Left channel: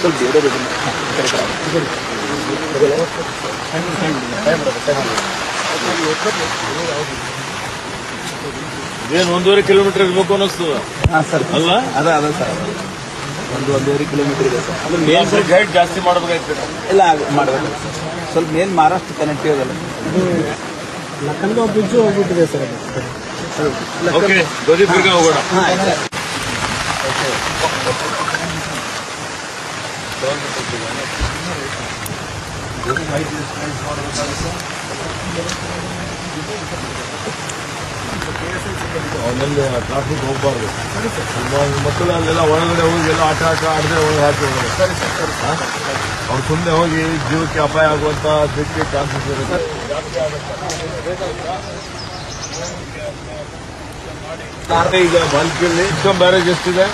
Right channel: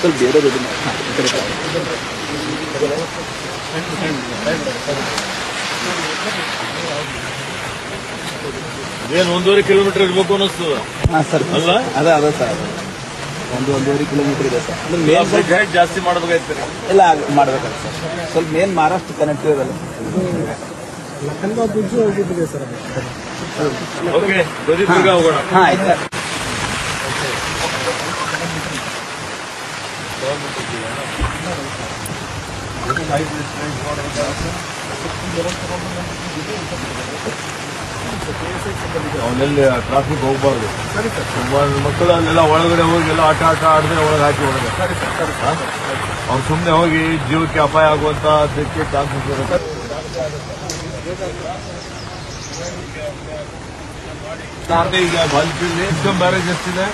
ಸ್ವಲ್ಪ ಬೇರೆ ಏನು 1.5 ಕಿಲೋಮೀಟರ್ ಇರ್ಬೇಕು ಅನ್ನಿಸ್ತದ. ಸರ್ ಅಲ್ಲ ಅದ ಸರ್ 1.5 ಕಿಲೋಮೀಟರ್ ಇದೆ ಸರ್. ಅಂದ್ರೆ ಮೇನ್ ಬ್ರಿಡ್ಜ್ ಹೈಟ್ ಜಾಸ್ತಿ ಮಾಡಬೇಕಾಯ್ತು. ಎಲ್ಲ ಮಾಡಬೇಕು ಸ್ವಲ್ಪ ಮೇನ್ ಮಹಾರಾಷ್ಟ್ರ ಕನೆಕ್ಟ್ ಇದೆಲ್ಲ ಲಕ್ಕಂದ ಬ್ರಿಡ್ಜ್ ಹೋಗ್ಬಿಟ್ಟಿದೆ ಸರ್ ಅದು. ಓಕೆ ಧ್ವಜದುರ್ಗ ಹೋಗೋಣ. ಹಾಂ ಆಯ್ತು ಅವನಲ್ಲಿ ಟ್ರಾಫಿಕ್ ಹೋಗ್ಬಾರ್ದು. ಮಕ್ಕಳು ಅಲ್ಲೆಲ್ಲ ಒಳಗಡೆ ಹೋಗಿ ಎಲ್ಲ ಆಟ ಆಡದೆ ಒಳಗೆ ಹಾಕಿ ಒಳಗೆ ಅವ್ರು ಸುಮ್ಮನೆ ಹೋಗಿ ಜೀವಕ್ಕೆ ಅಪಾಯ ಆಗುವಂತ ಚಾನ್ಸಸ್ ಇರುತ್ತೆ. ಈಗ ಬಾಲ್ಕಿಯಲ್ಲಿ ಇಸ್ಕಾಂ ಬ್ಯಾರೇಜ್ ಎಷ್ಟಿದೆ?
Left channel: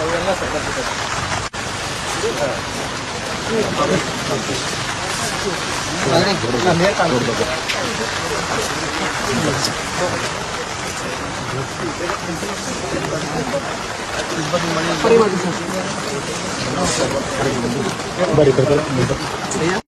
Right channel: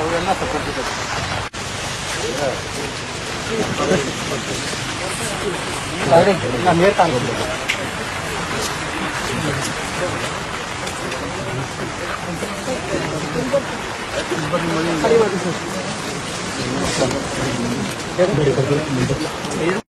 ಅವೆಲ್ಲ ಸಪರೇಟ್ ಬರೀ